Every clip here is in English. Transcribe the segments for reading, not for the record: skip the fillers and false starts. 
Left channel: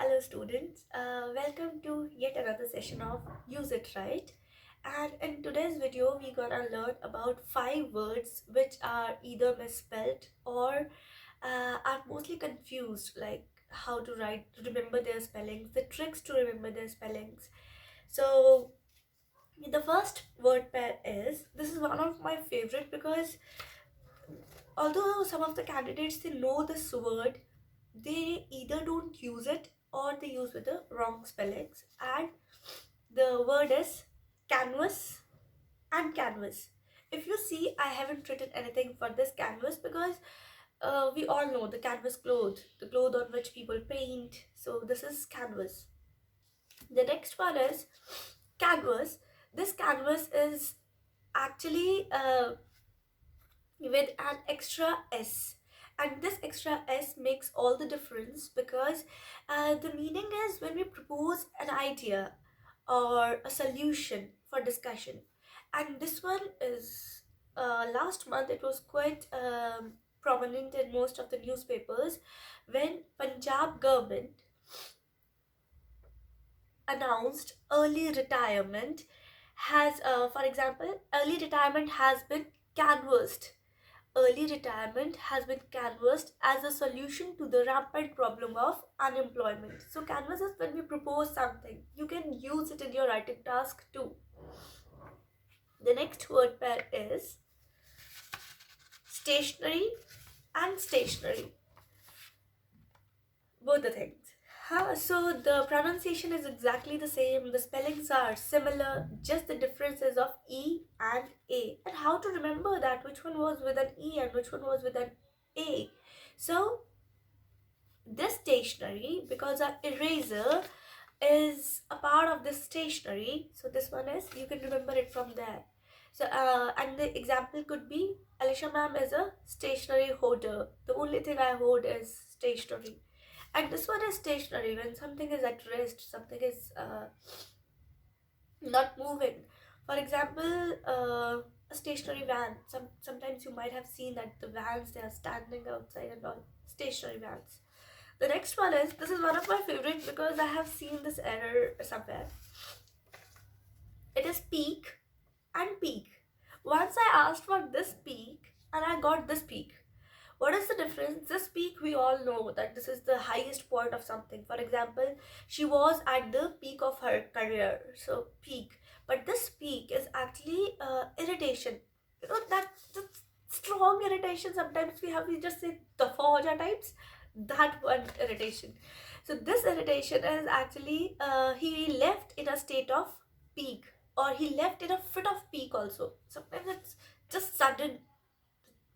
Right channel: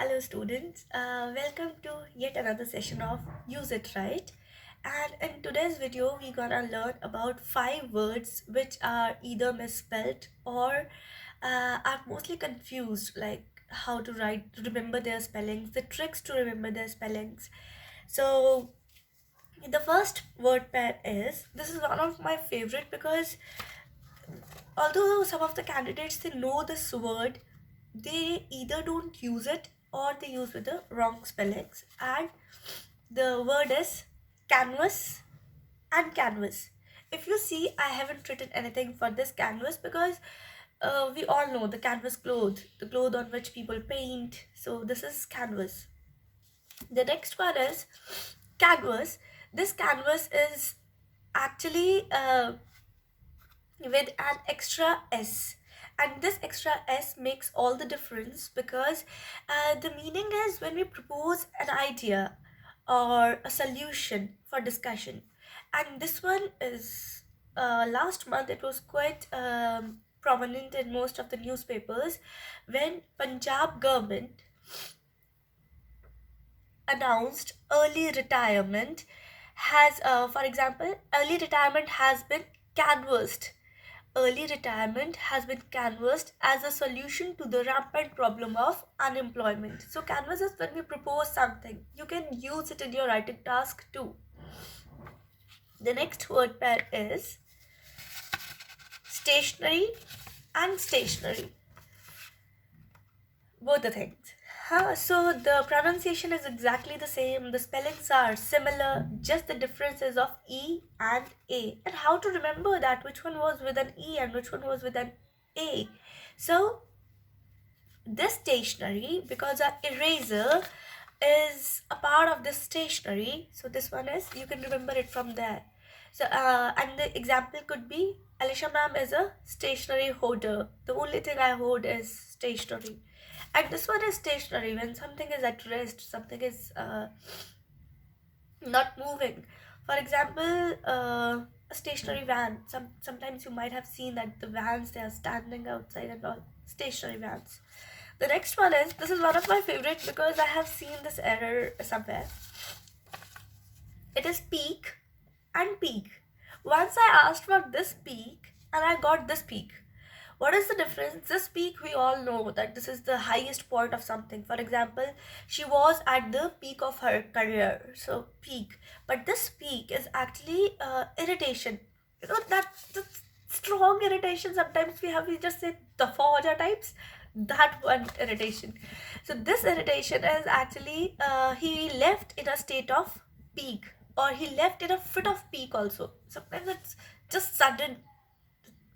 Hello students, welcome to yet another session of Use It Right. And in today's video we're gonna learn about 5 words which are either misspelled or are mostly confused, like how to remember their spellings, the tricks to remember their spellings. So the first word pair this is one of my favorite because although some of the candidates they know this word, they either don't use it or they use with the wrong spellings. And the word is canvas and canvas. If you see, I haven't written anything for this canvas because we all know the canvas cloth, the cloth on which people paint. So this is canvas. The next one is canvas. This canvas is actually with an extra S, and this extra S makes all the difference because the meaning is when we propose an idea or a solution for discussion. And this one is last month it was quite prominent in most of the newspapers when Punjab government announced early retirement has for example, early retirement has been canvassed. Early retirement has been canvassed as a solution to the rampant problem of unemployment. So canvas is when we propose something. You can use it in your writing task too. The next word pair is stationery and stationery. Both the things. So the pronunciation is exactly the same, the spellings are similar, just the differences of E and A. And how to remember that, which one was with an E and which one was with an A. So this stationery, because our eraser is a part of this stationery, so this one is, you can remember it from there. So and the example could be Alisha ma'am is a stationery hoarder. The only thing I hoard is stationery. And this one is stationary when something is at rest, something is not moving. For example, a stationary van. Sometimes you might have seen that the vans, they are standing outside and all. Stationary vans. The next one is, this is one of my favorite because I have seen this error somewhere. It is peak and peak. Once I asked for this peak and I got this peak. What is the difference? This peak, we all know that this is the highest point of something. For example, she was at the peak of her career, so peak. But this peak is actually irritation. You know that strong irritation. Sometimes we just say the forger types. That one irritation. So this irritation is actually he left in a state of peak, or he left in a fit of peak also. Sometimes it's just sudden.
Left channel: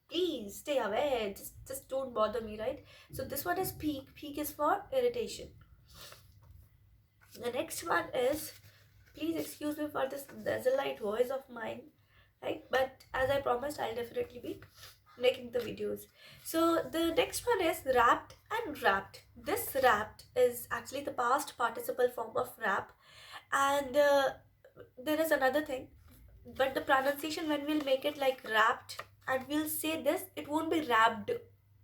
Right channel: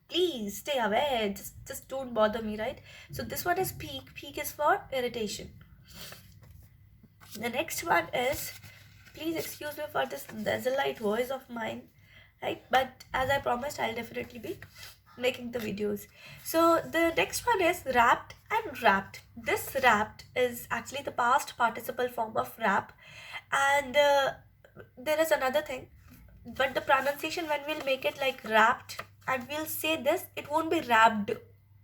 Please stay away, just don't bother me, right? So this one is peak is for irritation. The next one is, please excuse me for this desolate voice of mine, right? But as I promised, I'll definitely be making the videos. So the next one is wrapped and wrapped. This wrapped is actually the past participle form of wrap. And there is another thing, but the pronunciation, when we'll make it like wrapped and we'll say this, it won't be wrapped,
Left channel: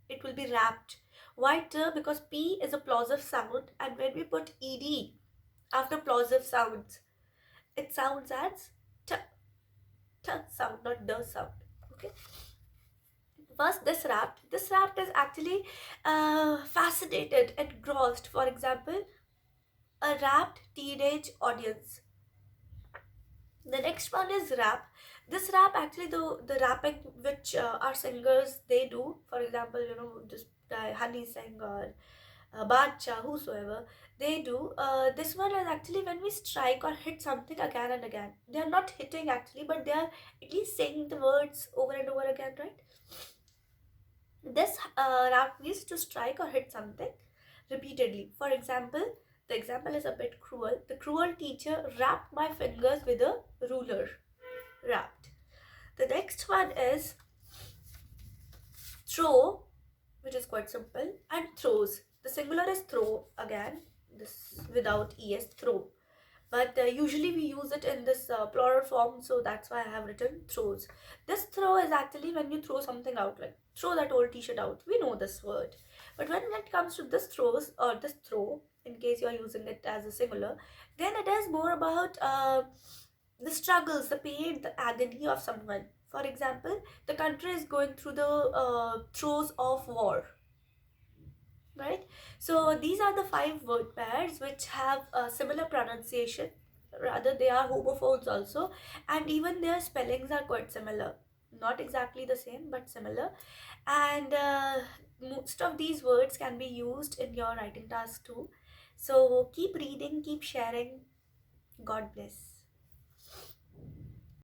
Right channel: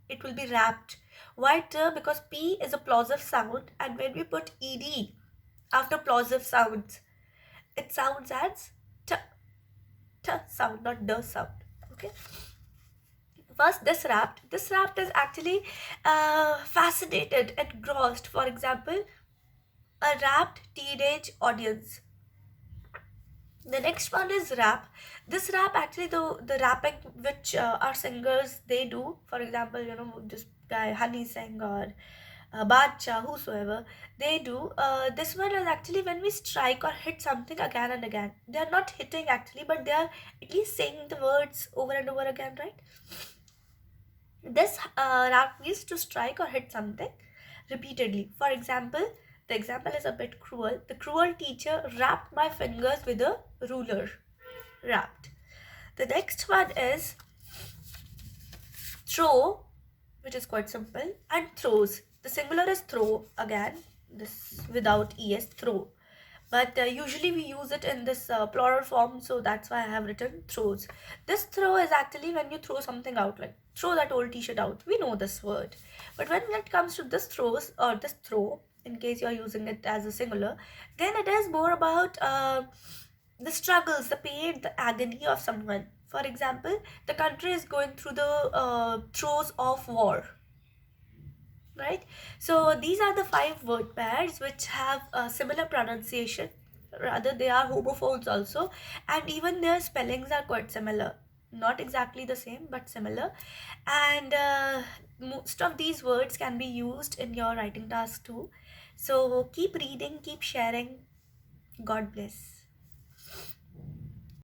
it will be wrapped. Why? Because P is a plosive sound, and when we put ed after plosive sounds, it sounds as t sound, not d sound. Okay. First, this wrapped is actually fascinated, engrossed. For example, a rapt teenage audience. The next one is rap. This rap, actually, the rapping which our singers they do, for example, this guy Honey Singh or Badshah, whosoever, they do. This one is actually when we strike or hit something again and again. They are not hitting actually, but they are at least saying the words over and over again, right? This rap means to strike or hit something repeatedly. For example, the example is a bit cruel. The cruel teacher wrapped my fingers with a ruler. Wrapped. The next one is throw, which is quite simple, and throws. The singular is throw again, this without es, throw. But usually we use it in this plural form, so that's why I have written throws. This throw is actually when you throw something out, like throw that old t-shirt out. We know this word. But when it comes to this throws or this throw, in case you're using it as a singular, then it is more about the struggles, the pain, the agony of someone. For example, the country is going through the throes of war, right? So these are the five word pairs which have a similar pronunciation. Rather, they are homophones also, and even their spellings are quite similar. Not exactly the same, but similar. And most of these words can be used in your writing task too. So keep reading, keep sharing. God bless.